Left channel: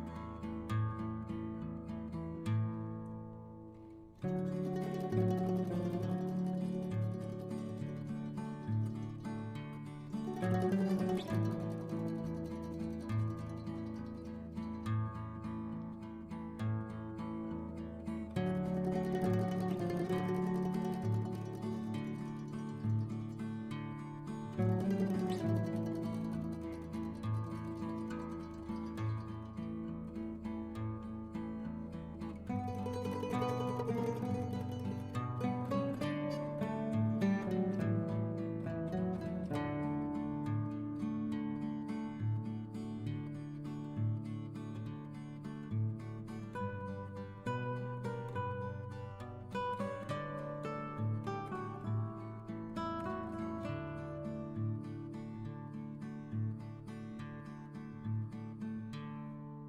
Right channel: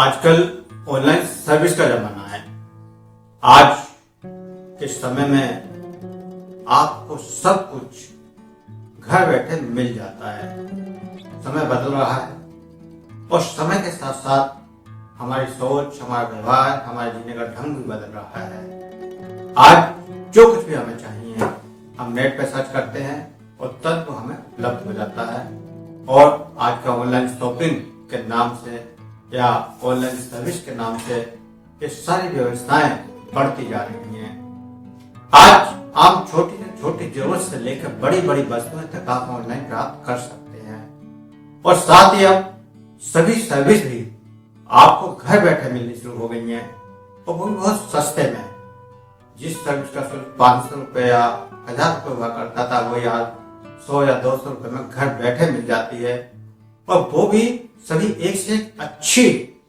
आजकल online service का जमाना है। आज के समय में आपको सब कुछ घर बैठे मिल जाता है। समय बदल रहा है और समय के साथ साथ हमारी सोच, हमारा व्यवहार, हमारे जीने का ढंग भी बदल रहा है। आज जो कुछ भी हमें चाहिए हम नेट पे सर्च करते हैं और तुरंत वो हमें उपलब्ध हो जाता है। और आज का ऑनलाइन शॉपिंग के नाम से या ऑनलाइन सर्विस के नाम से ये सारी व्यवस्थाएं बढ़ती जा रही हैं। आज आप छोटी से छोटी जरूरत से लेकर बड़ी बड़ी वस्तुएं तक आप ऑनलाइन प्राप्त कर सकते हैं और साथ ही अब सभी सर्विस भी आपको घर बैठे मिलनी शुरू हो गई हैं और वो बहुत सस्ते में। जिस सर्विस का शुल्क 500 रुपये या 1000 रुपये हुआ करता था वो आज 100 या 200 रुपये में घर बैठे मिल जाती है और वो भी सभी एक से एक अच्छी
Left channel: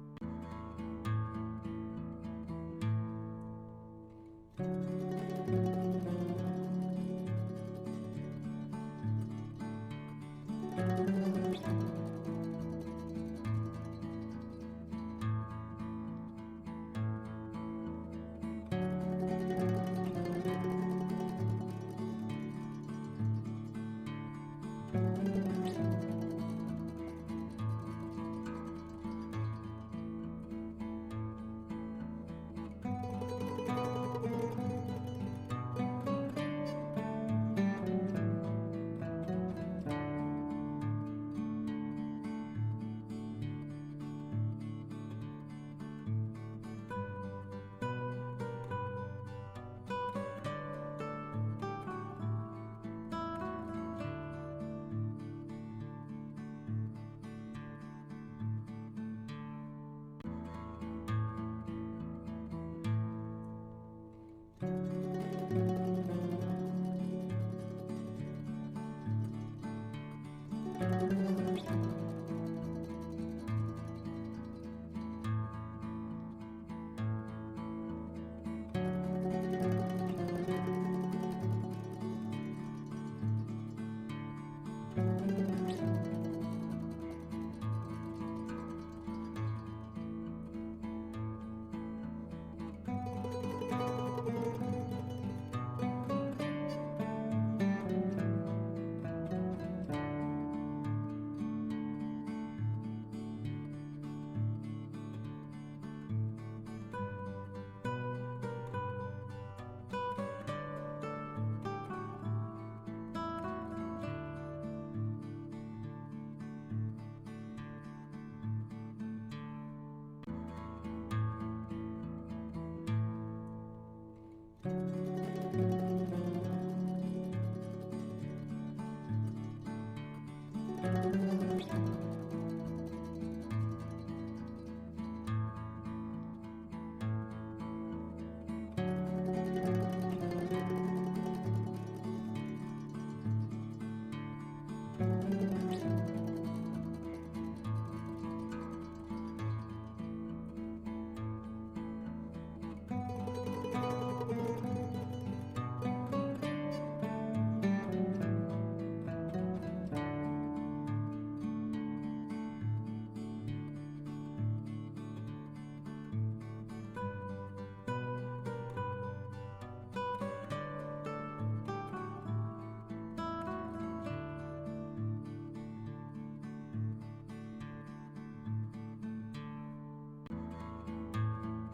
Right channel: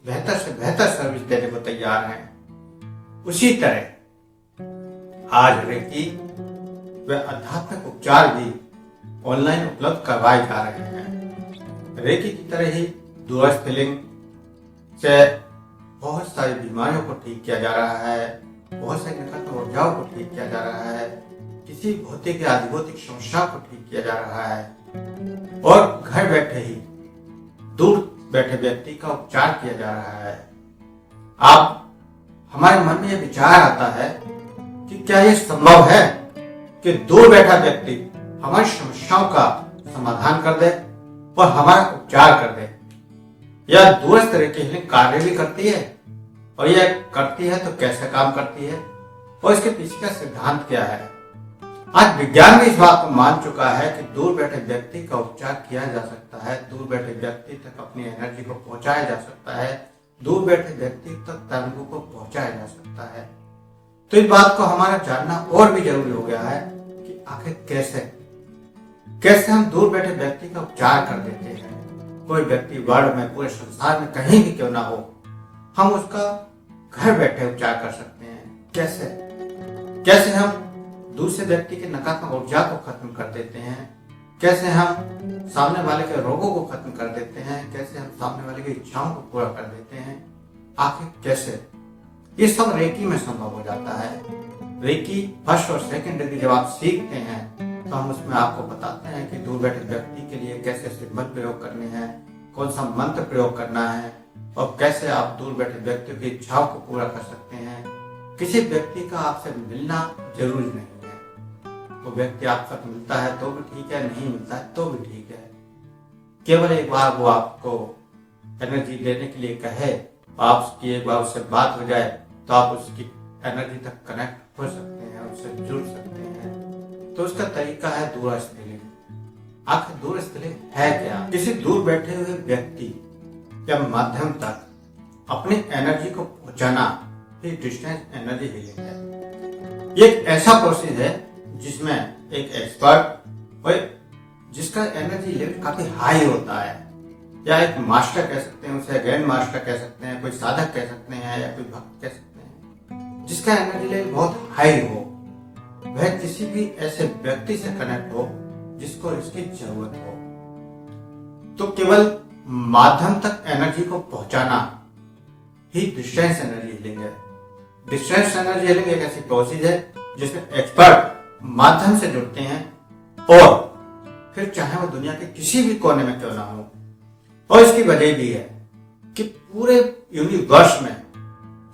बेहतर से बेहतर सर्विस देने को तैयार हैं। उसी तरह आज रेकी व आध्यात्मिक उपचार भी ऑनलाइन उपलब्ध करवाए जा रहे हैं। रेकी की तरह ही दूरस्थ लिंग से बहुत सारी बीमारियों को ठीक किया जा रहा है, बहुत सारी निकट ऊर्जाओं को ठीक किया जा रहा है, किसी भौतिक या अधिभौतिक समस्या को ठीक किया जा रहा है और घर बैठे ही दूर बैठे व्यक्ति का उपचार किया जा रहा है। आप हमारे मन में यह विचार आता है कि क्या यह संभव है कि दूर बैठा व्यक्ति हमारी समस्याओं का समाधान कर दे और हमारा उपचार कर दे। यह दूरस्थ रेकी हीलिंग कार्य भी करती है और यह करती है तो कैसे काम करती है और इसके पीछे का सिद्धांत क्या है। आज विज्ञान भी इस बात को मान चुका है कि दूर बैठे व्यक्ति का उपचार किया जा सकता है, दूर बैठे व्यक्ति तक अपनी एनर्जी को पहुंचाया जा सकता है, दूर बैठे व्यक्ति तक तरंगों को पहुंचाया जा सकता है। तो इस बात को हमारा जानना और भी जरूरी हो गया है कि आखिर कैसे हम दूर बैठे व्यक्ति का उपचार कर देते हैं। कोई व्यक्ति वर्ल्ड में, पूरे संसार में कहीं भी क्यों ना हो, हम उसका घर बैठे उपचार कर सकते हैं। कैसे हम दूसरे व्यक्ति के नकारात्मक ऊर्जा को खत्म कर देते हैं, कैसे हम सामने वाले के रोगों को खत्म कर देते हैं, कैसे हम सामने वाले की इच्छाओं को पूरा कर देते हैं। आखिर कैसे ये सब रेकी में संभव हो जाता है। रेकी फर्स्ट और सेकंड डिग्री जब आप सीखते हैं तो हम उसमें आपको बताते हैं कि दूर बैठे व्यक्ति के लिए कैसे सिंबल प्रयोग करने हैं, कौन सा मंत्र प्रयोग करना है और कैसे आप दूर बैठे व्यक्तियों की इच्छाओं को पूरा कर सकते हैं। किसी व्यक्ति का आपसे मिलना जरूरी नहीं है। वो व्यक्ति आपसे मिलता है तो भी ठीक है, नहीं मिलता है तो भी ठीक है। केवल एक बार वो आपको एनर्जी देने के लिए कहे, आपकी एक बार उससे बात हो जाए तो आप उसकी एनर्जी तक कनेक्ट हो सकते हैं, उससे जुड़ सकते हैं। तो उसका तरीका है दूरस्थ लिंग। आखिर दूरस्थ लिंग है क्या? किसी दूर बैठे हुए व्यक्ति या माध्यम तक अपनी एनर्जी को पहुंचाना डिस्टेंस एनर्जी हीलिंग है। ये एक ऐसा प्रोसेस है जिसमें एक एक्सपर्ट और जिसका एनर्जी लेवल काफी हाई होता है, या एक मास्टर कह सकते हैं, उसे ग्रैंड मास्टर कह सकते हैं, कोई साधक कह सकते हैं या कोई भक्त कह सकते हैं, जिसका एनर्जी लेवल बहुत हाई हो, वह किसी भी ऐसे व्यक्ति से कनेक्ट हो जिसको इसकी जरूरत हो। तो केवल माध्यम तक एनर्जी को पहुंचाना ही डिस्टेंस एनर्जी हीलिंग है। डिस्टेंस एनर्जी हीलिंग एक ऐसी प्रोसेस है जिसमें एक्सपर्ट माध्यम से जुड़ते हैं और फिर चाहे वो दुनिया के किसी भी कोने में क्यों ना हो। और इसकी वजह भी है कि पूरे यूनिवर्स में,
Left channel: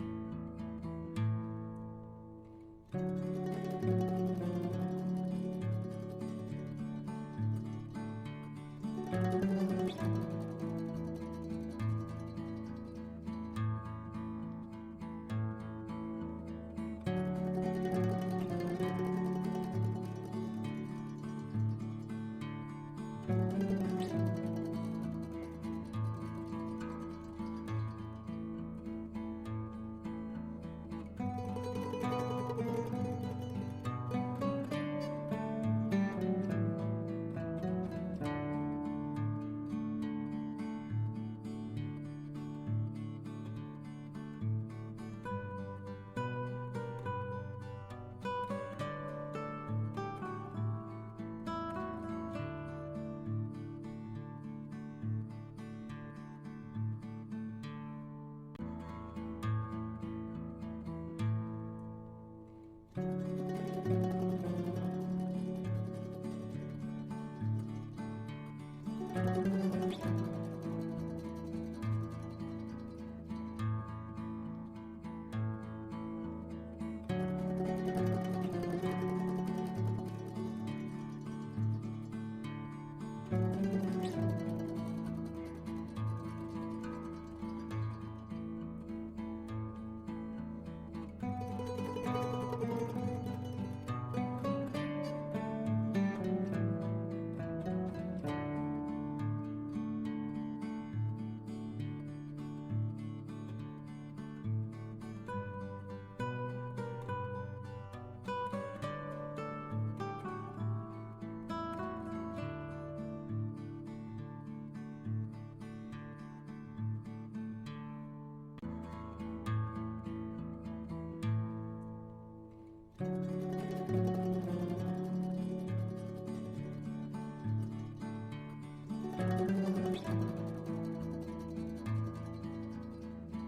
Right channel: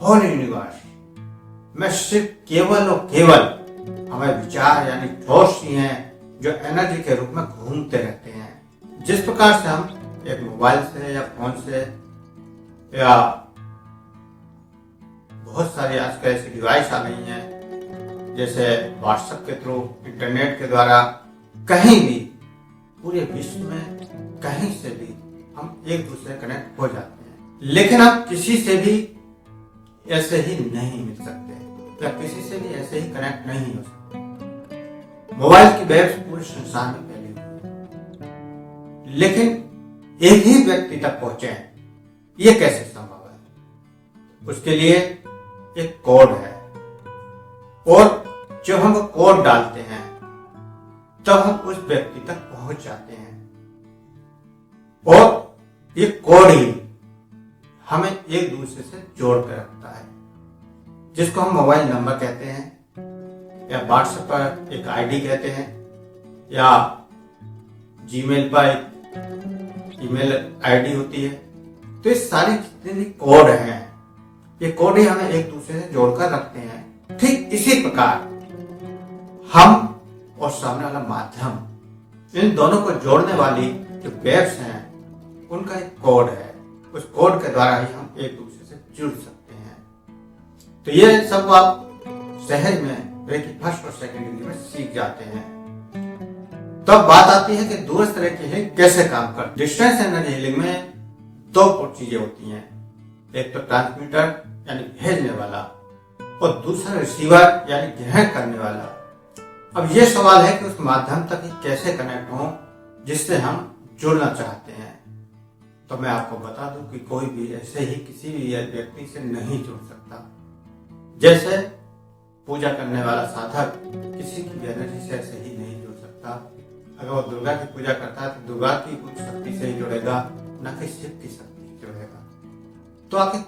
होल यूनिवर्स में सिर्फ केवल और केवल हमें विचार यानी थॉट्स ही हैं जो एनर्जी के रूप में घूमते रहते हैं। जिस प्रकार से हम एक मोबाइल से या फोन से या बहुत सारी आजकल ऐसी डिवाइस आ गई हैं, जैसे व्हाट्सएप के थ्रू, इंटरनेट के द्वारा कहीं भी पूरे विश्व में कहीं से भी हम एक दूसरे कनेक्ट हो जाते हैं। लेकिन आप किसी से भी ऐसे ही नहीं मिल सकते या किसी से भी ऐसे ही कनेक्ट नहीं हो सकते। मोबाइल की वेव्स पूरे संसार में फैली, लेकिन एक ही व्यक्ति तक पहुंचे, ये कैसे संभव है? उसके लिए एक कोड है और जब हम कोड डालते हैं तब हम उस व्यक्ति तक पहुंच जाते हैं और ये कोड ही हमें एक मोबाइल नंबर कहते हैं, या व्हाट्सएप पर एक आईडी कहते हैं, या जीमेल पर एक ईमेल आईडी होती है। तो ये सारे जितने भी कोड हैं, ये कोड ही हमें एक दूसरे से जोड़कर रखते हैं। ठीक इसी प्रकार हम और सामने वाला माध्यम, इन दोनों को जोड़ने वाली जो वेब्स हैं, उनका एक कोड है। उस कोड के द्वारा ही हम एक दूसरे से जुड़ सकते हैं। तो ये सब आप सहज में रेकी फर्स्ट और सेकंड में सीख जाते हैं। तब तो बात आती है कि दूरस्थ रेकी हीलिंग कैसे काम करती है। डिस्टेंस एनर्जी हीलिंग में दो चीजें होती हैं, एक तो ट्रांसमीटर यानी भेजने वाला, और दूसरा रिसीवर यानी ग्रहण करने वाला। अब ये सवाल है कि उस माध्यम तक ही कैसे कनेक्ट हो जिससे हम जुड़ना चाहते हैं। तो मैं आपको बता दूं कि कोई भी ऐसे ही किसी भी व्यक्ति से नहीं जुड़ सकता। जैसे पूजा करने वाला साधक किसी की एनर्जी से ऐसे ही नहीं जुड़ सकता। अगर वो दुर्गा की पूजा करता है तो दुर्गा की कुछ शक्ति से ही जुड़ेगा, न कि शिव की शक्ति से जुड़ेगा। तो आखिर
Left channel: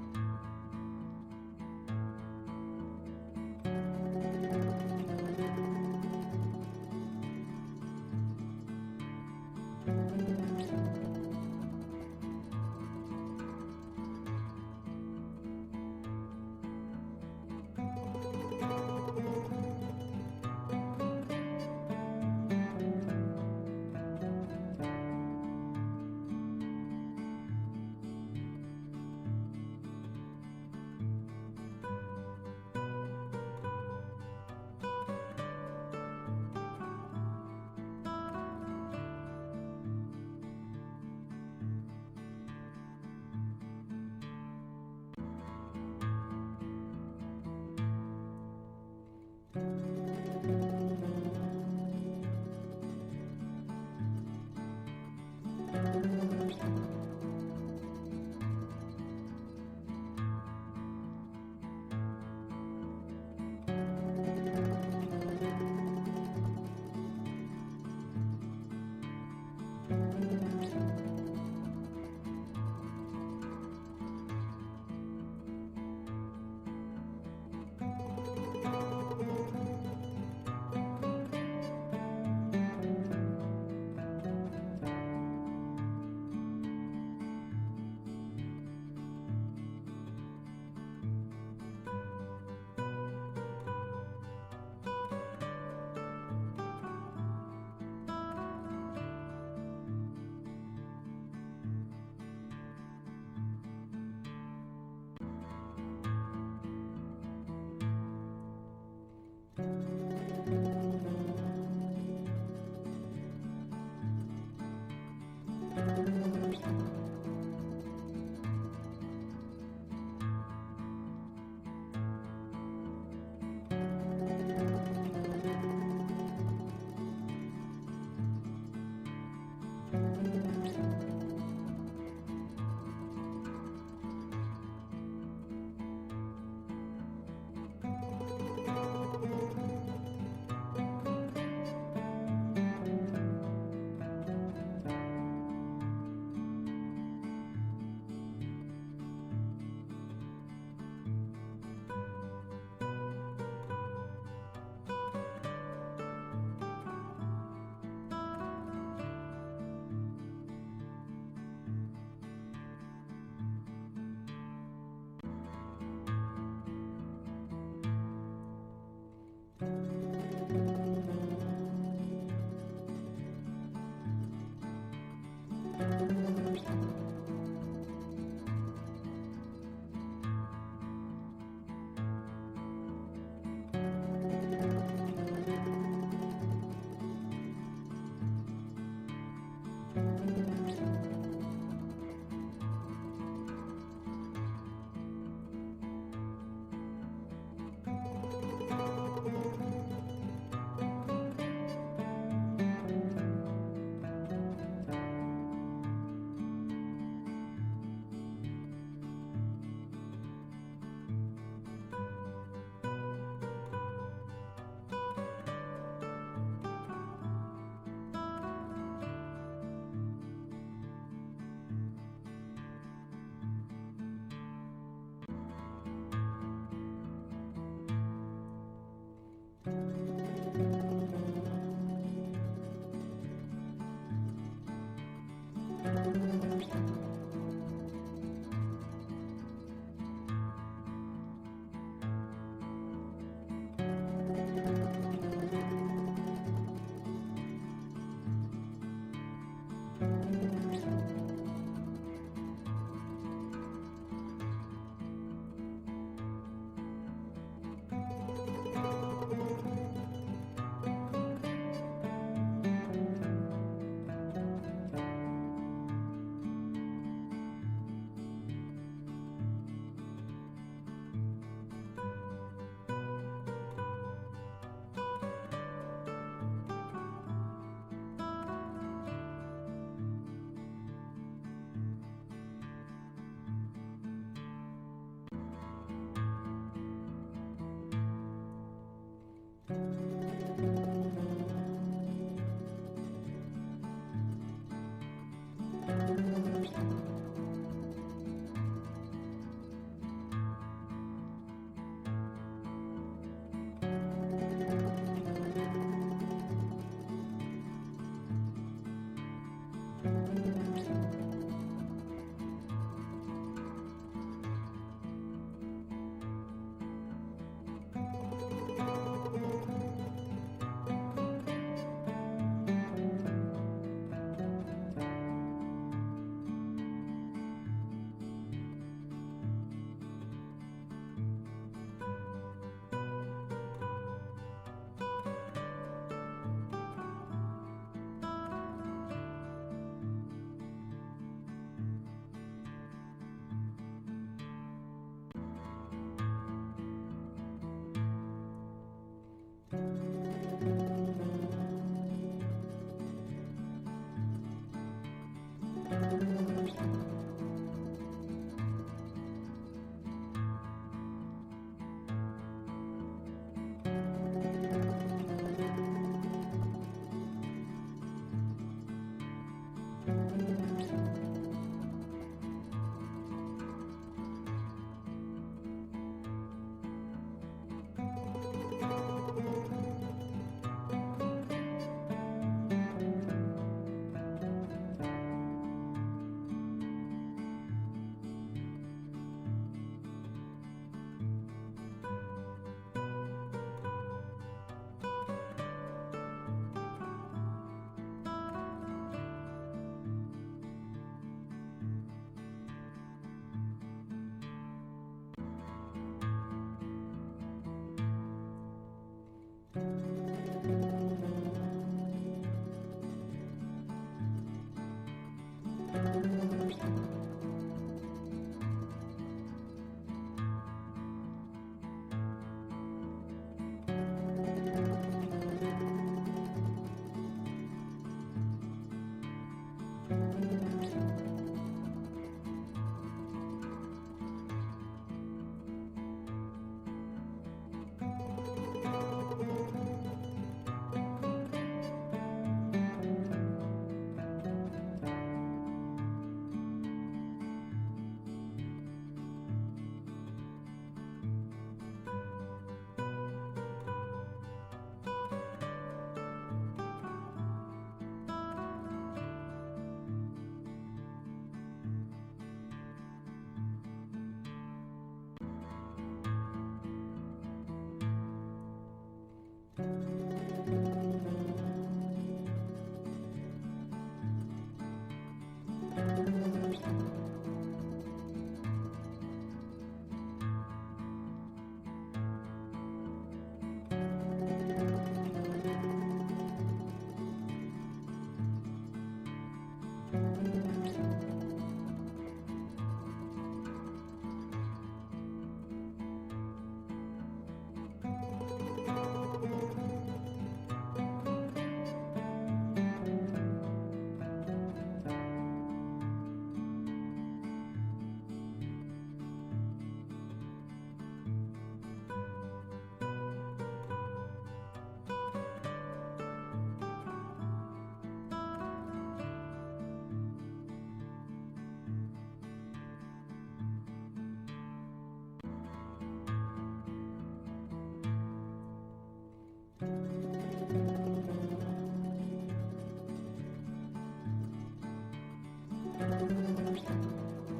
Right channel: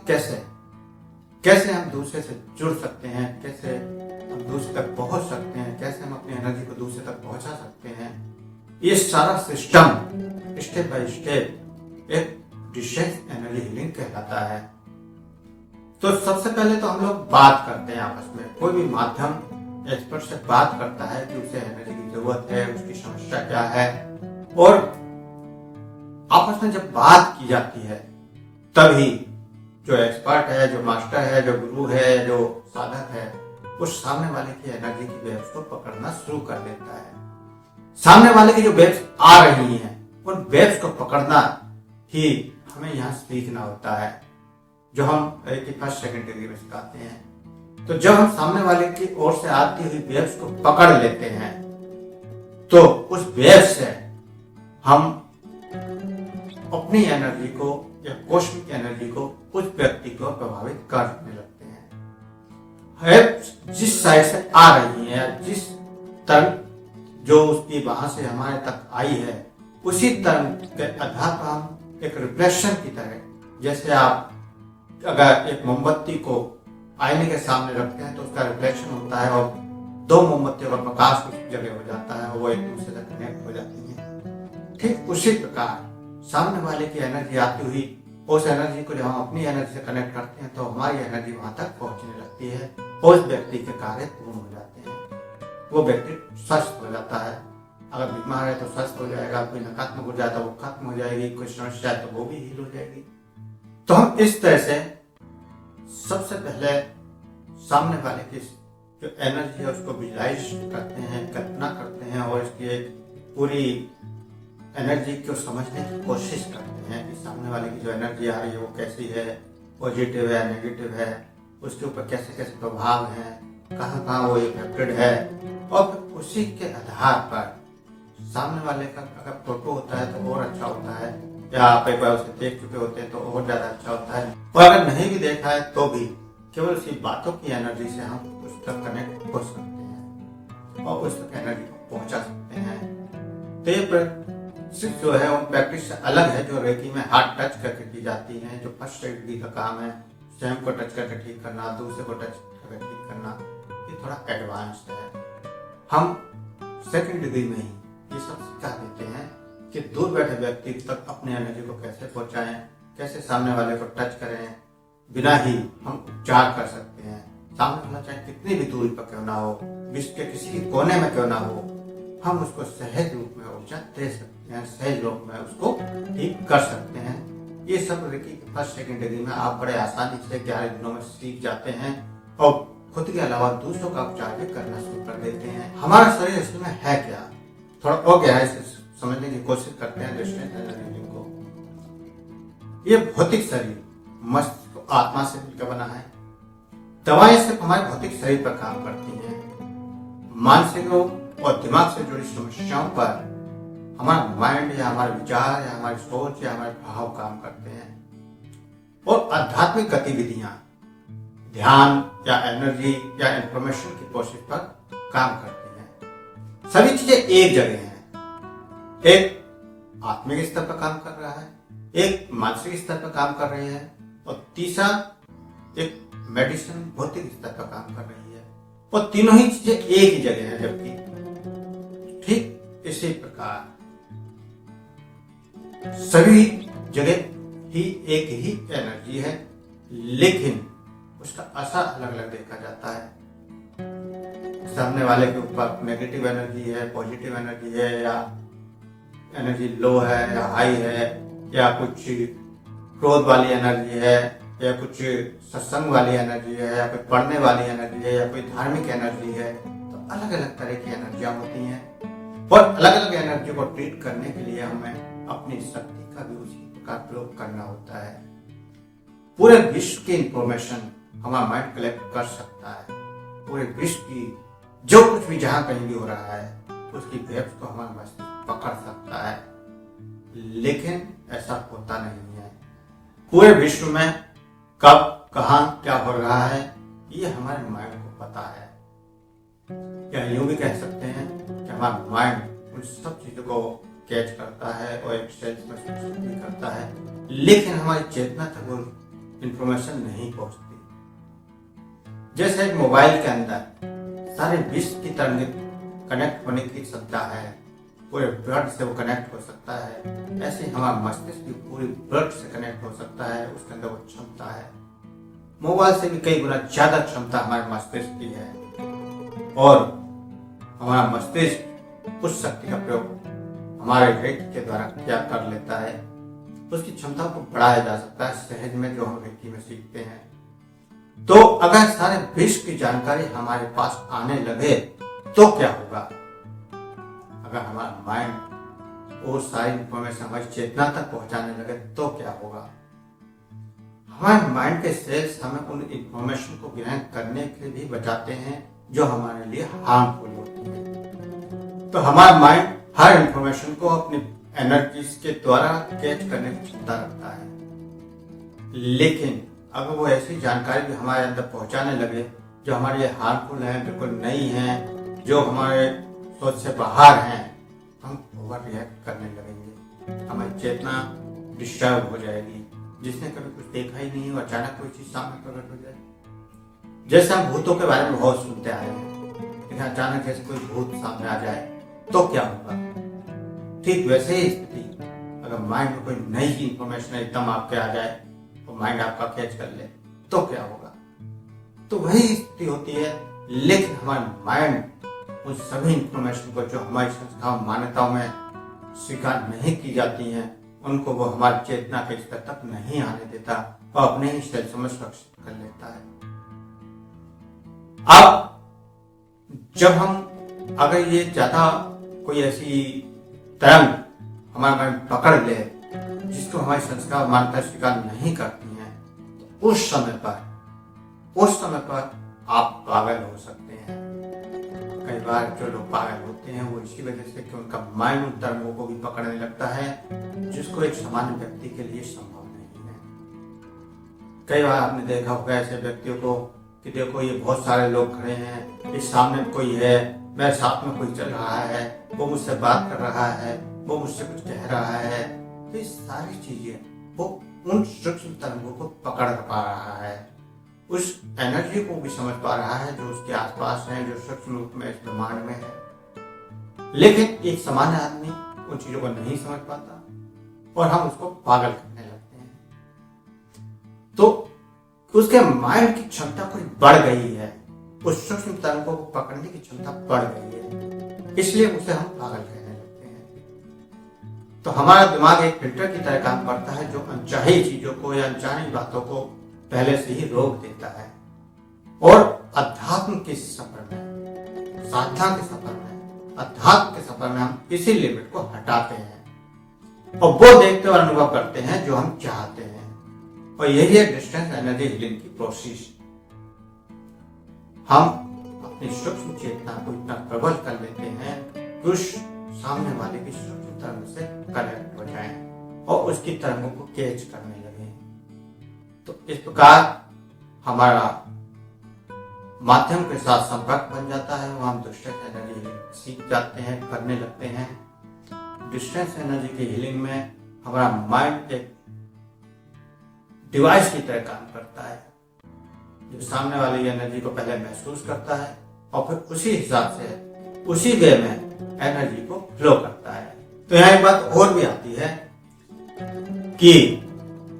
कैसे हम दूसरे से जुड़ सकते हैं, कैसे हम दूसरे तक पहुंच सकते हैं, कैसे हम अपनी एनर्जी को दूसरे तक पहुंचा सकते हैं, ये सारा सिस्टम स्टेप बाय स्टेप एक डिस्टेंस एनर्जी हीलिंग कहलाता है। तो सबसे पहले तो हम लोग बात करते हैं आपस में। कोई भी माध्यम एक्सपर्ट से बात करता है कि उसे एनर्जी की जरूरत है, उसकी समस्या क्या है, और आपस में जब बात की जाती है तभी जो एक्सपर्ट है, जो मास्टर है, जो गुरु है, जो साधक है, उस सामने वाले की एनर्जी की वेव्स को पकड़ना शुरू कर देता है। सामने वाले की जो वेव्स आ रही हैं, उन वेव्स को पकड़ना ही हमें यहाँ सीखना होता है, जो हम रेकी फर्स्ट सेकंड डिग्री में सिखाते हैं। तो जब हम सामने वाले की ओर से आती हुई वेव्स को पकड़ लेते हैं, तो उस वेव से हम अपनी एनर्जी को या कॉस्मिक एनर्जी को उस व्यक्ति को प्रभावित करने लगते हैं। जिस साइड से आ रही है, जिस तरंग जो उसकी वहां से हमारे तक आई है, उसी तरंग के आधार पर हम एक रिफ्लेक्शन की तरह, जैसे आप अगर एक मोमबत्ती को आईने के सामने रखते हैं तो उसका रिफ्लेक्शन होता है, और दो मोमबत्तियों का प्रकाश उस जगह हो जाता है, वो एक दूसरे से कनेक्ट हो जाती है। ठीक उसी प्रकार सामने वाले की एनर्जी आती हुई, उस एनर्जी को जब हम अपनी एनर्जी से कनेक्ट करते हैं तो हमारी एनर्जी वहां तक पहुंचने लगती है, और उस व्यक्ति के कार्य पूर्ण हो जाते हैं। वो व्यक्ति स्वस्थ हो जाता है। अगर बीमार है तो स्वस्थ हो जाएगा, कोई नकारात्मक हो जाए तो वो खत्म हो जाएगी, कोई समस्या है तो वो भी हील हो जाएगी। तो हम इस तरह से सबसे पहले सामने वाले की जो एनर्जी है उसको विजुलाइज करते हैं, कल्पना करते हैं, और इसकी पूरी एनर्जी को समझने की कोशिश करते हैं कि सामने वाले की जो एनर्जी आ रही है वो कैसी है, पॉजिटिव है, नेगेटिव है, उसके ऊपर कैसे कैसे प्रभाव है, कहाँ कहाँ वो इफेक्टेड है, और उसी के आधार पर सामने वाले का अगर फोटो होता है तो और अच्छा होता है, या आप एक बार उसे देख चुके होते हैं तो और ज्यादा अच्छा होता है, और अगर नहीं भी देखा है तो भी केवल उसी बातों की एनर्जी से हम उस तक कनेक्ट हो सकते हैं और उस तक एनर्जी पहुंचा सकते हैं। तो ये जो है वो प्रैक्टिस से अलग है, जो रेकी में हार्ट टच करके की जाती है, जो फर्स्ट डिग्री का काम है, स्वयं को टच करके ठीक करना, दूसरे को टच करके ठीक करना, ये थोड़ा एडवांस है। हम सेकंड डिग्री में ही ये सब सिखा देते हैं कि दूर बैठे व्यक्ति तक अपनी एनर्जी को कैसे पहुंचाएं, कैसे सामने वाले को टच करें, बिना ही हम उपचार कर सकते हैं। सामने वाला चाहे कितनी भी दूरी पर क्यों ना हो, विश्व के किसी भी कोने में क्यों ना हो, हम उसको सहज रूप में उपचार दे सकते हैं, सहज रूप में उसको ठीक कर सकते हैं। ये सब रेकी फर्स्ट सेकंड डिग्री में आप बड़े आसानी से 11 दिनों में सीख जाते हैं, और खुद के अलावा दूसरों का उपचार भी करना शुरू कर देते हैं। हमारा शरीर इसमें है क्या, थोड़ा और गहराई से समझने की कोशिश करते हैं। ये भौतिक शरीर मस्तिष्क आत्मा से मिलकर बना है। दवाएं सिर्फ हमारे भौतिक शरीर पर काम करती हैं, मानसिक रोग और दिमाग से जुड़ी समस्याओं पर हमारा माइंड या हमारे विचार या हमारी सोच या हमारे भाव काम करते हैं। और आध्यात्मिक गतिविधियां ध्यान या एनर्जी या इंफॉर्मेशन की कोशिश पर काम करती हैं। सभी चीजें एक जगह हैं, एक आत्मिक स्तर पर काम कर रहा है, एक मानसिक स्तर पर काम कर रही है, और तीसरा एक मेडिसिन भौतिक स्तर पर काम कर रही है। और तीनों ही चीजें एक ही जगह है। जबकि ठीक इसी प्रकार सभी जगह ही एक ही एनर्जी है, लेकिन उसका असर अलग अलग देखा जाता है। सामने वाले के ऊपर नेगेटिव एनर्जी है, पॉजिटिव एनर्जी है, या एनर्जी लो है या हाई है, या कुछ क्रोध वाली एनर्जी है, या कुछ सत्संग वाली एनर्जी है, या कुछ पढ़ने वाली एनर्जी है, या कोई धार्मिक एनर्जी है। तो अलग अलग तरह की एनर्जियां होती हैं और अलग अलग एनर्जी को ट्रीट करने के लिए हमें अपनी शक्ति का भी उसी प्रकार प्रयोग करना होता है। पूरे विश्व की इंफॉर्मेशन हमारा माइंड कलेक्ट कर सकता है। पूरे विश्व की जो कुछ भी जहां कहीं भी हो रहा है उसकी वेव्स को हमारा मस्तिष्क पकड़ सकता है, लेकिन ऐसा होता नहीं है। पूरे विश्व में कब कहां क्या हो रहा है ये हमारे माइंड को पता है। या यूं भी कह सकते हैं कि हमारा माइंड उन सब चीजों को कैच करता है और एक सेंस में सूचित करता है, लेकिन हमारी चेतना तक वो इंफॉर्मेशन नहीं पहुंचती। जैसे एक मोबाइल के अंदर सारे विश्व की तरह कनेक्ट होने की क्षमता है, पूरे ब्लड से वो कनेक्ट हो सकता है, ऐसे हमारा मस्तिष्क भी पूरे ब्लड से कनेक्ट हो सकता है, उसके अंदर वो क्षमता है। मोबाइल से भी कई गुना ज्यादा क्षमता हमारे मस्तिष्क की है, और हमारा मस्तिष्क उस शक्ति का प्रयोग हमारे व्यक्ति के द्वारा क्या कर लेता है, उसकी क्षमता को बढ़ाया जा सकता है सहज में, जो हम व्यक्ति में सीखते हैं। तो अगर सारे विश्व की जानकारी हमारे पास आने लगे तो क्या होगा? अगर हमारा माइंड वो सारी इंफॉर्मेशन हमारी चेतना तक पहुंचाने लगे तो क्या होगा? हमारे माइंड के सेल्स हमें उन इंफॉर्मेशन को ग्रहण करने के लिए भी बचाते हैं जो हमारे लिए हार्मफुल होती है। तो हमारा माइंड हर इंफॉर्मेशन को अपनी एनर्जीज के द्वारा कैच करने की क्षमता रखता है, लेकिन अगर वो ऐसी जानकारी भी हमारे अंदर पहुंचाने लगे जो हमारे लिए हार्मफुल है, बिल्कुल नहीं है, जो हमारे सोच से बाहर हैं, हम ओवर रिएक्ट करने लगेंगे। हमारी चेतना डिस्टर्ब हो जाएगी। जिसने कभी कुछ देखा ही नहीं और अचानक कोई चीज सामने प्रकट हो जाए। जैसे हम भूतों के बारे में बहुत सुनते आए हैं, लेकिन अचानक जैसे कोई भूत सामने आ जाए तो क्या होगा? ठीक वैसे ही स्थिति, अगर माइंड में कोई नई इंफॉर्मेशन एकदम आपके आ जाए, माइंड आपका कैच कर ले तो क्या होगा? तो वही स्थिति होती है। लेकिन हमारा माइंड उन सभी इंफॉर्मेशन को जो हमारी संस्थाओं मान्यताओं में स्वीकार नहीं की जाती हैं, उनको वो हमारी चेतना के स्तर तक नहीं आने देता और अपने ही सेल्फ में सुरक्षित कर लेता है। अब जब हम अगर ये ज्यादा कोई ऐसी तरंग हमारा माइंड पकड़ ले जिसको हमारी संस्कार मान्यता स्वीकार नहीं करती है, उस समय पर आप पागल हो सकते हैं। कई बार जो लोग पागल होते हैं वो इसी वजह से कि उनका माइंड उन तरंगों को भी पकड़ने लगता है जिसको एक सामान्य व्यक्ति के लिए संभव नहीं है। कई बार आपने देखा होगा ऐसे व्यक्तियों को कि देखो ये बहुत सारे लोग खड़े हैं, इस सामने कोई है, मेरे साथ में कोई चल रहा है, वो मुझसे बात कर रहा है, वो मुझसे कुछ कह रहा है। तो ये सारी चीजें वो उन सूक्ष्म तरंगों को पकड़ पा रहा है, उस एनर्जी को भी समझ पा रहा है जो उसके आसपास है, जो सूक्ष्म रूप में इस्तेमाल में है। लेकिन एक सामान्य आदमी उन चीजों को नहीं समझ पाता और हम उसको पागल करने लगते हैं। तो उसके माइंड की क्षमता कुछ बढ़ गई है, उस सूक्ष्म तरंगों को पकड़ने की क्षमता बढ़ गई है, इसलिए उसे हम पागल कहने लगते हैं। तो हमारा दिमाग एक फिल्टर की तरह काम करता है जो अनचाही चीजों को या अनचाही बातों को पहले से ही रोक देता है और अध्यात्म के सफर में, साधना के सफर में, अध्यात्म के सफर में हम इसी लिमिट को हटाते हैं और वो देखते और अनुभव करते हैं जो हम चाहते हैं। और यही है डिस्टेंस एनर्जी हीलिंग की प्रोसेस। हम अपनी सूक्ष्म चेतना को इतना प्रबल कर लेते हैं कि उस सामने वाले की सूक्ष्म तरंग से कनेक्ट हो जाए और उसकी तरंगों को कैच करने लगे। तो इस प्रकार हमारा माध्यम के साथ संपर्क बन जाता है, वहां हम डिस्टेंस एनर्जी सीख जाते हैं, करने लगते हैं। डिस्टेंस एनर्जी की हीलिंग में हमारा माइंड एक डिवाइस की तरह काम करता है, जो सामने वाली एनर्जी को पहले महसूस करता है और फिर उसी हिसाब से उसी वे में एनर्जी को फ्लो करता है। तो यहाँ एक बात और भी आती है कि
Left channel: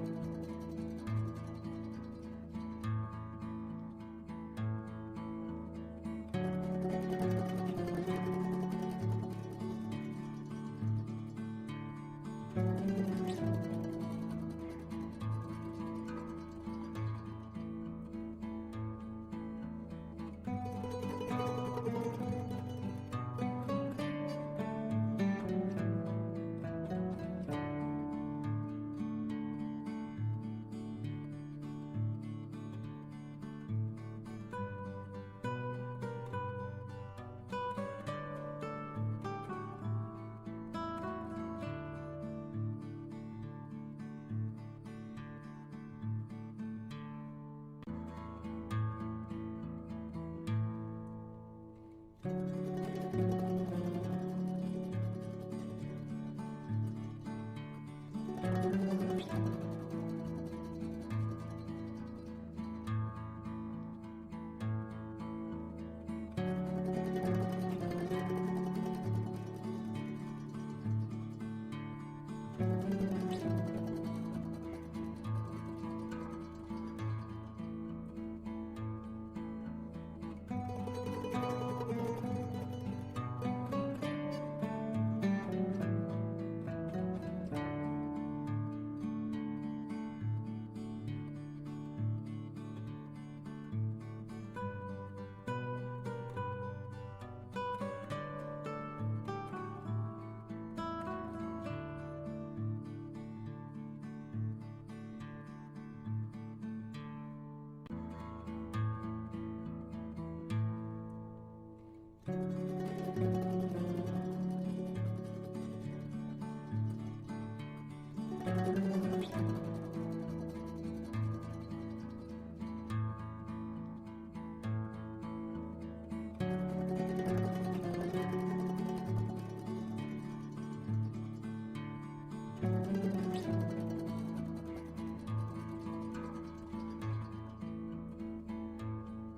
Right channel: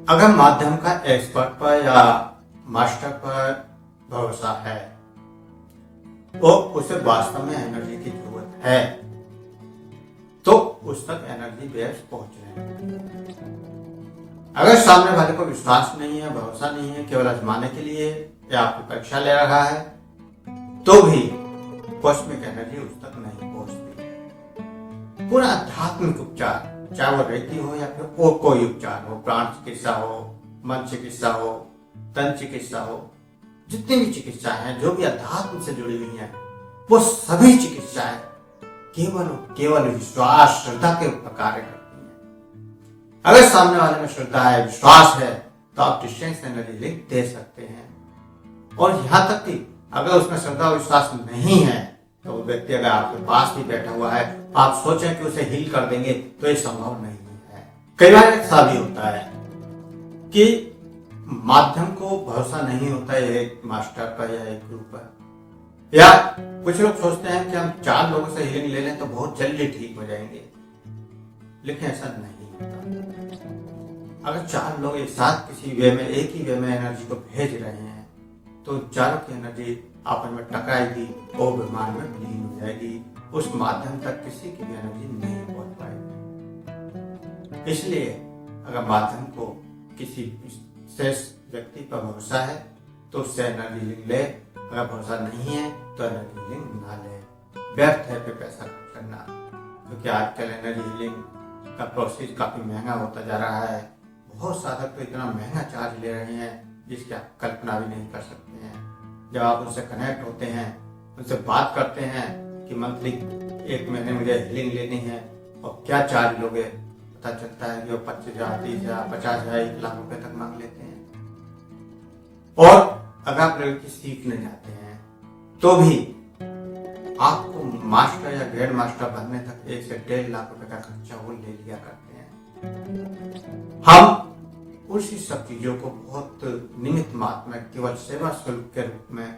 अगर माध्यम का एक्सपर्ट पर या मास्टर पर भरोसा है तो उसे वास्तव में एनर्जी की जरूरत है तो उस तक एनर्जी वेव्स पहुंच रहे हैं। अगर सामने वाले को विश्वास नहीं है, भरोसा नहीं है, केवल आजमाने के लिए या आपकी परीक्षा ले रहा है तो भी कॉस्मिक एनर्जी उस तक नहीं पहुंचती। पूरा आध्यात्मिक उपचार, चाहे वो रेकी हो या फिर और कोई उपचार हो, प्राण चिकित्सा हो, मन चिकित्सा हो, तन चिकित्सा हो, जितनी भी चिकित्सा है जो भी अध्यात्म से जुड़ी हुई है, वो सभी चिकित्साएं केवल विश्वास, श्रद्धा के ऊपर कार्य करती है। अगर सामने वाले में श्रद्धा है, विश्वास है, तो आप डिस्टेंस एनर्जी लिंक दे सकते हैं। और यहाँ तक कि अगर उसमें श्रद्धा और विश्वास नहीं है तो वो व्यक्ति अगर आपके पास भी बैठा हुआ है, आप सोचें कि उसे हील कर देंगे तो ये संभव नहीं है। कई बार ऐसा भी होता है कि माध्यम को भरोसा नहीं होता है एक मास्टर पर या एक गुरु पर, या कुछ लोग सोचते हैं कि हम 4 लोगों से हीलिंग ले लें तो बहुत जल्दी ठीक हो जाएंगे, लेकिन ऐसा नहीं होता। अगर 4 लोग एक साथ किसी वे में, एक ही वे में एनर्जी को भेज रहे हैं तो चारों की एनर्जी आपस में टकराएगी और बीमार में विलीन हो जाएगी। उस माध्यम तक किसी की भी एनर्जी नहीं पहुंच पाएगी। इसलिए अगर माध्यम को किसी विशेष व्यक्ति पर भरोसा है तो उससे एनर्जी लिंक ले, अगर भरोसा नहीं है तो एनर्जी लिंक ना ले। व्यर्थ है पे पैसा खर्च करना, क्योंकि आजकल एनर्जी लिंक का प्रोसेस काफी महंगा होता जा रहा है। बहुत साधक तो इतना महंगा चार्ज ले रहे हैं जिसकी आप कल्पना भी नहीं कर सकते हैं। जब आप उनसे कनेक्ट होते हैं, उनसे बात करते हैं कि मंथली 1 महीने मुझे हीलिंग लेनी है और क्या चार्ज लोगे, पता चलता है कि वो 25,000, 30,000, 50,000, 1 लाख रुपए तक मांग लेते हैं। और अगर आप लोग सीखने जाते हैं तो भी आपको मास्टर या ग्रेड मास्टर बनने तक 1 से 1.5 लाख रुपए का खर्चा वो ले लिया करते हैं। हम उसी सब चीजों को बहुत निमित्त मात्र में केवल सेवा शुल्क के रूप में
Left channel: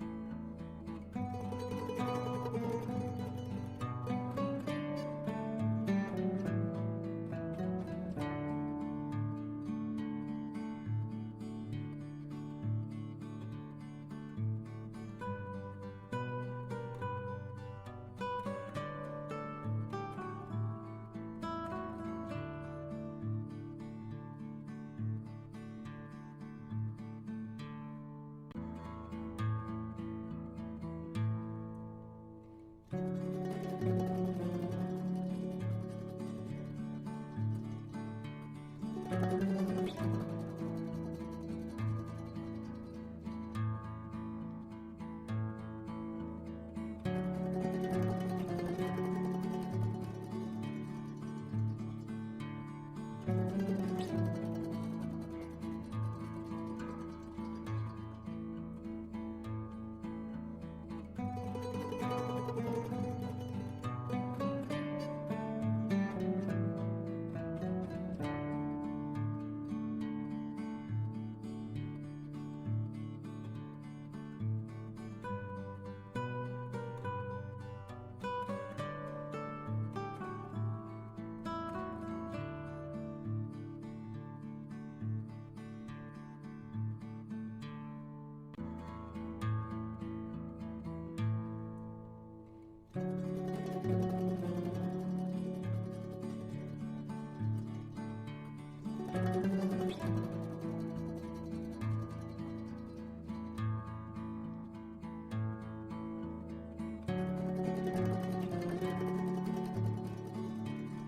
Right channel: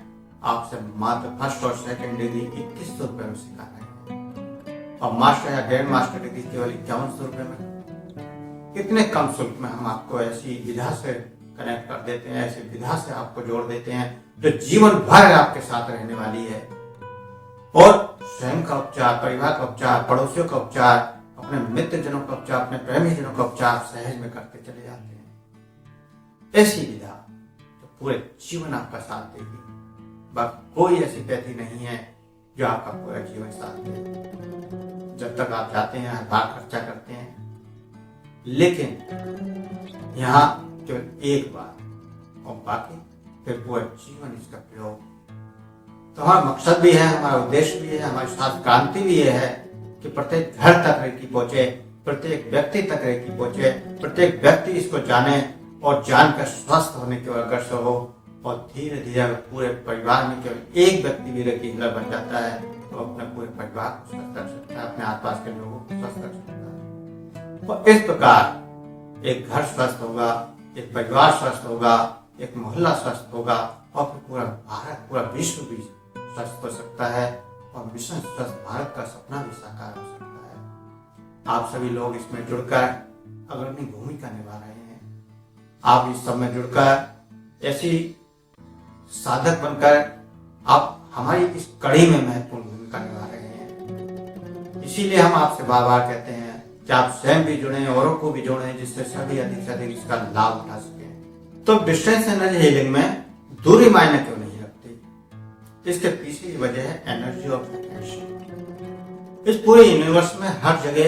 आपसे मात्र फर्स्ट और सेकंड डिग्री 2100 रुपए में सिखा रहे हैं, और मास्टर या ग्रैंड मास्टर डिग्री केवल 5100 रुपए में। कितने कम शुल्क में हम आपको ऐसी विधा से कनेक्ट कर देते हैं, ऐसी विधा से आपको जोड़ देते हैं जो जीवन भर आपके साथ रहने वाली है। और स्वयं का उपचार, परिवार का उपचार, पड़ोसियों का उपचार, अपने मित्रजनों का उपचार, अपने प्रेमीजनों का उपचार सहज में करते चले जाते हैं। ऐसी विधा तो पूरे जीवन आपका साथ देगी। कोई ऐसी व्यक्ति नहीं है जो आपका पूरा जीवन साथ दे। जब तक आप जाते हैं, हर बार खर्चा करते हैं, लेकिन यहाँ केवल एक बार और बाकी फिर पूरा जीवन इसका प्रयोग। तो हमारा मकसद भी है, हमारा उद्देश्य भी है, हमारी साथ क्रांति भी ये है कि प्रत्येक घर तक रेकी पहुंचे, प्रत्येक व्यक्ति तक रेकी पहुंचे, प्रत्येक व्यक्ति इसको जाने और जानकर स्वस्थ होने की ओर अग्रसर हो। और धीरे धीरे अगर पूरे परिवार में केवल एक व्यक्ति भी रेकी हीलर बन जाता है तो अपने पूरे परिवार को स्वस्थ कर सकता है, अपने आसपास के लोगों को स्वस्थ कर सकता है। और इस प्रकार एक घर स्वस्थ होगा, एक परिवार स्वस्थ होगा, एक मोहल्ला स्वस्थ होगा, और पूरा भारत, पूरा विश्व भी स्वस्थ हो सकता है, और मिशन स्वस्थ भारत का सपना भी साकार हो सकता है। आप सभी लोग इसमें जुड़कर अग्रणी भूमिका निभा रहे हैं। आप इस सब में जुड़कर ऐसी साधक बनकर आप हमारी इस कड़ी में महत्वपूर्ण भूमिका निभा रहे हैं। इसीलिए हम आपसे बार बार कहते हैं कि आप स्वयं भी जुड़ें, औरों को भी जोड़ें, जिससे सभी अधिक से अधिक इसका लाभ उठा सकें। तो डिस्टेंस एनर्जी हीलिंग में दूरी मायने क्यों नहीं रखती? इसके पीछे की वजह है एनर्जी और पोटेंशियल। इस पूरे यूनिवर्स में हर जगह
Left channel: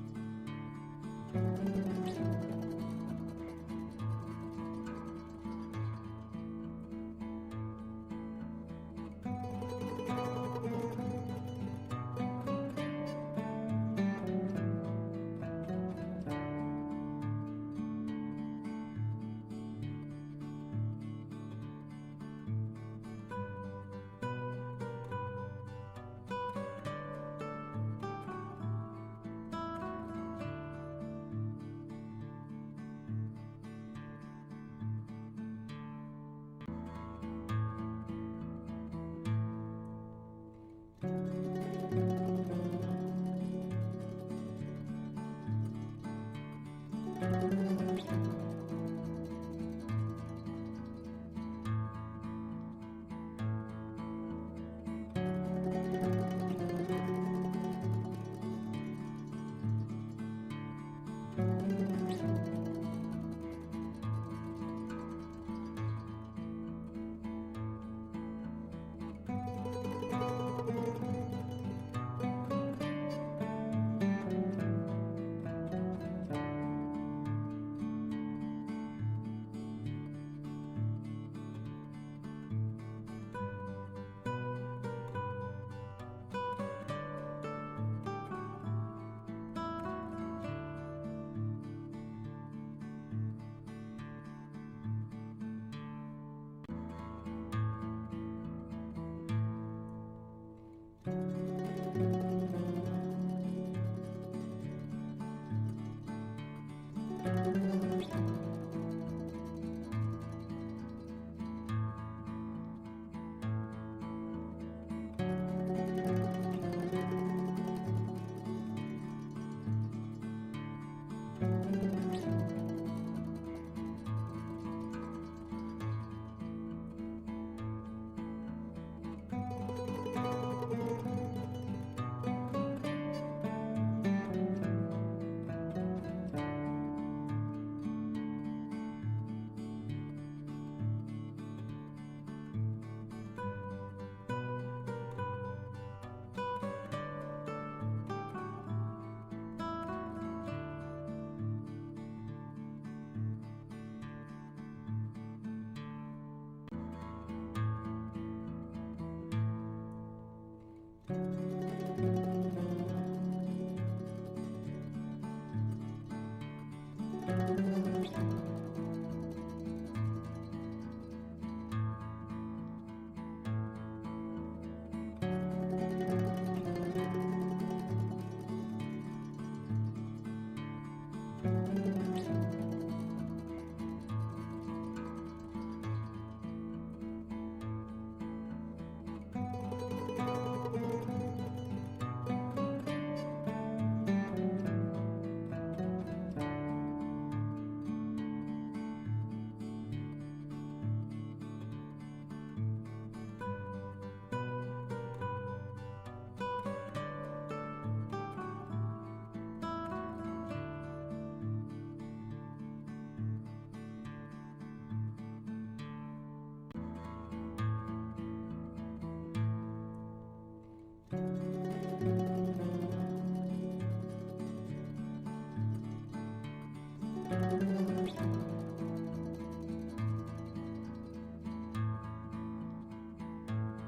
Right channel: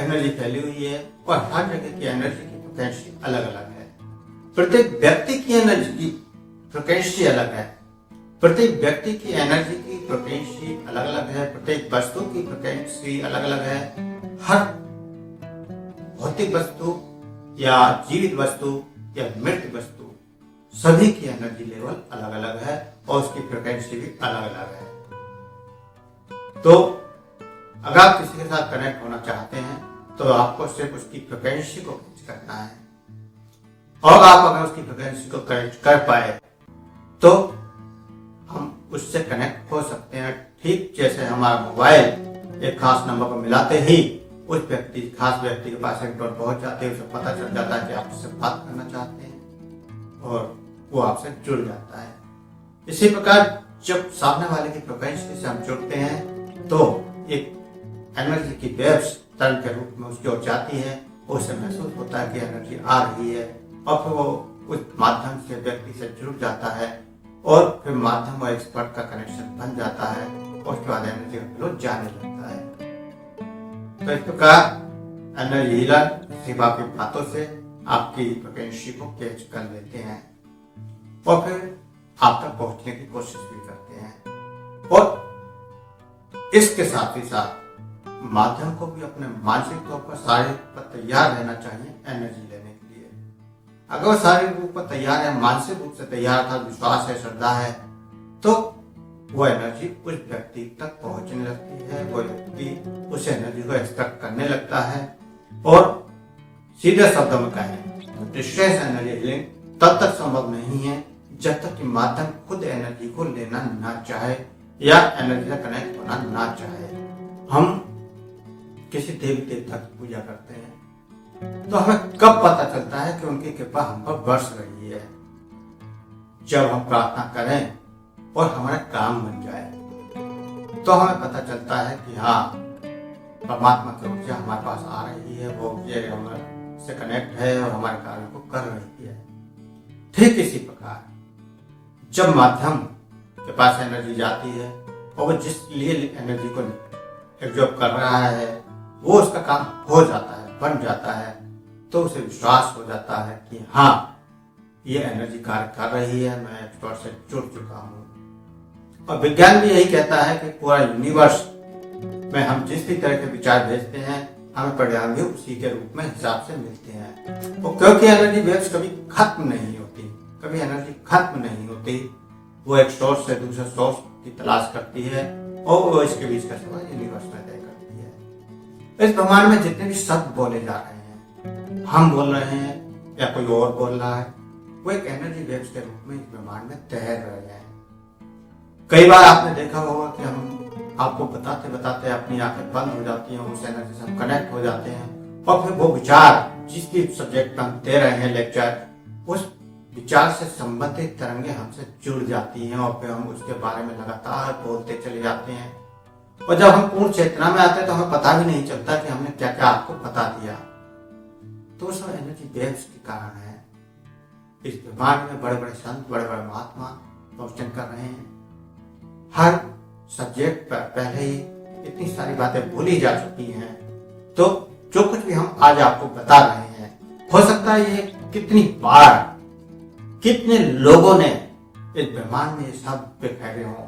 एनर्जी फैली हुई है और हर जगह की एनर्जी की पोटेंशियल अलग अलग है। प्रत्येक व्यक्ति की एनर्जी की फ्रिक्वेंसी अलग है, प्रत्येक व्यक्ति की एनर्जी की फ्रिक्वेंसी अलग अलग है, प्रत्येक वस्तु की फ्रिक्वेंसी अलग अलग है। हर भौतिक वस्तु या जीवित वस्तु या मृत वस्तु सभी की एनर्जी लेवल अलग अलग है और उसकी फ्रिक्वेंसी भी अलग अलग है। तो अगर आप किसी के साथ कनेक्ट होना चाहते हैं तो आपको सिर्फ उसकी फ्रिक्वेंसी को फिक्स करना है, और आप अगर उसकी फ्रिक्वेंसी को कनेक्ट कर पाए तो हम उससे कनेक्ट हो सकते हैं। ठीक जैसे हमारा मोबाइल एक खास नंबर पर मिलाते ही उस खास व्यक्ति के पास एक डॉट पहुंच जाते हैं, उसे पता चल जाता है कि आप उससे बात करना चाहते हैं और वो आपसे जुड़ जाता है। इसी प्रकार जब सामने वाले की फ्रिक्वेंसी से हम जुड़ते हैं तो एक एनर्जी की वेव्स तरंग के रूप में उसकी ओर जाती है, उससे महसूस होता है कि एनर्जी आ रही है और फिर वो उस माध्यम से व्यक्ति से जुड़ जाता है और फिर माध्यम और एक्सपर्ट का कनेक्शन बन जाता है और उसके बाद एनर्जी का फ्लो जाने लगता है। तो इस प्रकार एनर्जी हीलर सिर्फ आपकी बातों से आपकी फ्रिक्वेंसी को कैच कर लेते हैं और फिर आप तक पहुंचने की कोशिश भी करते हैं। और इसके साथ ही साथ माध्यम को भी अपने मानसिक तौर पर शारीरिक पर तैयार रहना चाहिए एनर्जी लेने के लिए। अगर वो शारीरिक रूप पर तैयार है, मानसिक रूप से तैयार था, विश्वास है, श्रद्धा है, तो वो एनर्जी उस व्यक्ति तक पहुंचने लगती है, वो व्यक्ति उस एनर्जी को एक्सपेक्ट करने लगता है। और सीधे शब्दों में कहें डिस्ट्रेस एनर्जी हीलिंग तब तक संभव नहीं है जब तक कि माध्यम खुद एनर्जी को लेना ना चाहे या एनर्जी से कनेक्ट होना ना चाहे। हम किसी देवी देवता की पूजा करते हैं तो हमें कब पता चलता है कि उनकी कृपा हम पर बरस रही है? जब हम प्रार्थना करें और हमारा काम बन जाए तो हमें पता चलता है कि हाँ, परमात्मा की ऊर्जा हमारे पास आ रही है, वो ये हमारे से कनेक्ट है और हमारे कार्य को कर रही है। ठीक इसी प्रकार जब माध्यम के पास एनर्जी जाती है और वो जिस लिए एनर्जी को एब्जॉर्ब कर रहा है वो उसका काम हो जाता है, बन जाता है, तो उसे विश्वास हो जाता है कि हाँ, ये एनर्जी कार्य कर रही है, मैं एक्सपर्ट से जुड़ चुका हूँ। और विज्ञान भी यही कहता है कि पूरा यूनिवर्स में हम जिस भी तरह के विचार भेजते हैं हमें परिणाम भी उसी के रूप में हिसाब से मिलते हैं। और क्योंकि एनर्जी वेव्स कभी खत्म नहीं होती, कभी एनर्जी खत्म नहीं होती, वो एक सोर्स से दूसरे सोर्स की तलाश करती है और वो इसके बीच का सवाल यूनिवर्स में तय करती है। इस ब्रह्मांड में जितने भी शब्द बोले जा रहे हैं, हम बोल रहे हैं या कोई और बोल रहा है, वो एक एनर्जी वेव्स के रूप में इस ब्रह्मांड में तैर रहे हैं। कई बार आपने देखा होगा कि हम आपको बताते बताते अपनी आंखें बंद हो जाती हैं, उस एनर्जी से हम कनेक्ट हो जाते हैं और फिर वो विचार जिस भी सब्जेक्ट में हम दे रहे हैं लेक्चर, उस विचार से संबंधित तरंगे हमसे जुड़ जाती हैं और फिर हम उसके बारे में लगातार बोलते चले जाते हैं। और जब हम पूर्ण चेतना में आते हैं तो हमें पता भी नहीं चलता कि हमने क्या क्या आपको बता दिया। तो सब एनर्जी वेव्स के कारण है। इस ब्रह्मांड में बड़े बड़े संत, बड़े बड़े महात्मा प्रवचन कर रहे हैं। हर सब्जेक्ट पर पहले ही इतनी सारी बातें बोली जा चुकी हैं, तो जो कुछ भी हम आज आपको बता रहे हैं, हो सकता है ये कितनी बार कितने लोगों ने इस ब्रह्मांड में शब्द बिखरे हों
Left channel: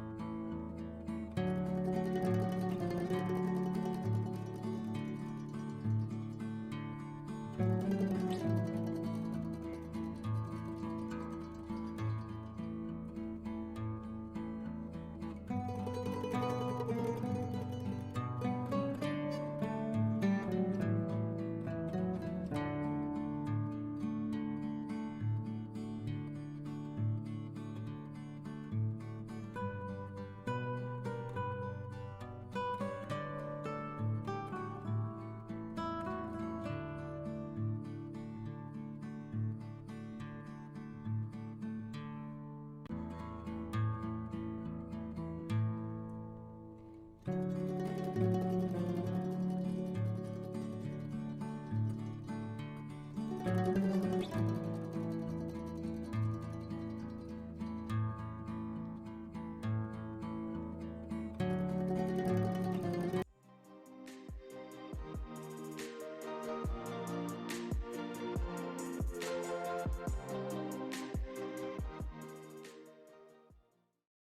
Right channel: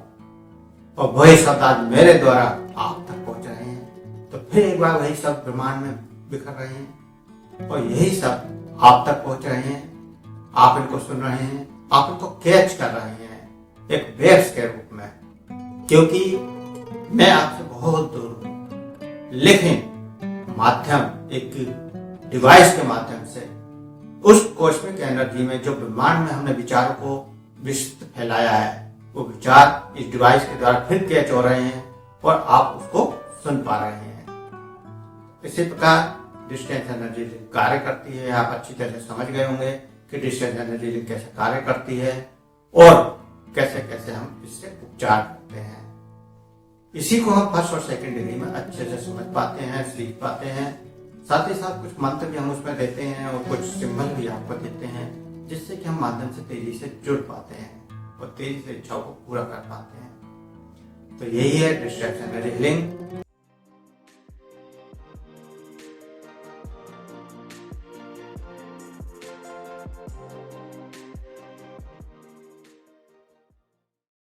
और वही शब्द आज मेरे द्वारा आप तक पहुंच रहे हैं। तो फिर एक बार वही शब्द ब्रह्मांड में बिखर रहे हैं और यही शब्द आप तक पहुंच रहे हैं। आप इनको सुन रहे हैं, आप इनको कैच कर रहे हैं एक वेव्स के रूप में, क्योंकि मैं आपसे बहुत दूर हूं, लेकिन माध्यम एक डिवाइस के माध्यम से उस कॉस्मिक एनर्जी में जो ब्रह्मांड में हमने विचारों को विस्तृत फैलाया है, वो विचार इस डिवाइस के द्वारा फिर कैच हो रहे हैं और आप उसको सुन पा रहे हैं। इसी प्रकार डिस्टेंस एनर्जी कार्य करती है। आप अच्छी तरह से समझ गए होंगे कि डिस्टेंस एनर्जी कैसे कार्य करती है और कैसे कैसे हम इससे उपचार करते हैं। इसी को हम फर्स्ट और सेकंड डिग्री में अच्छे से समझ पाते हैं, सीख पाते हैं। साथ ही साथ कुछ मंत्र भी हम उसमें देते हैं और कुछ सिंबल भी आपको देते हैं, जिससे कि हम माध्यम से तेजी से जुड़ पाते हैं और तेजी से इच्छाओं को पूरा कर पाते हैं। तो यही है डिस्ट्रेक्शन एनर्जी हीलिंग।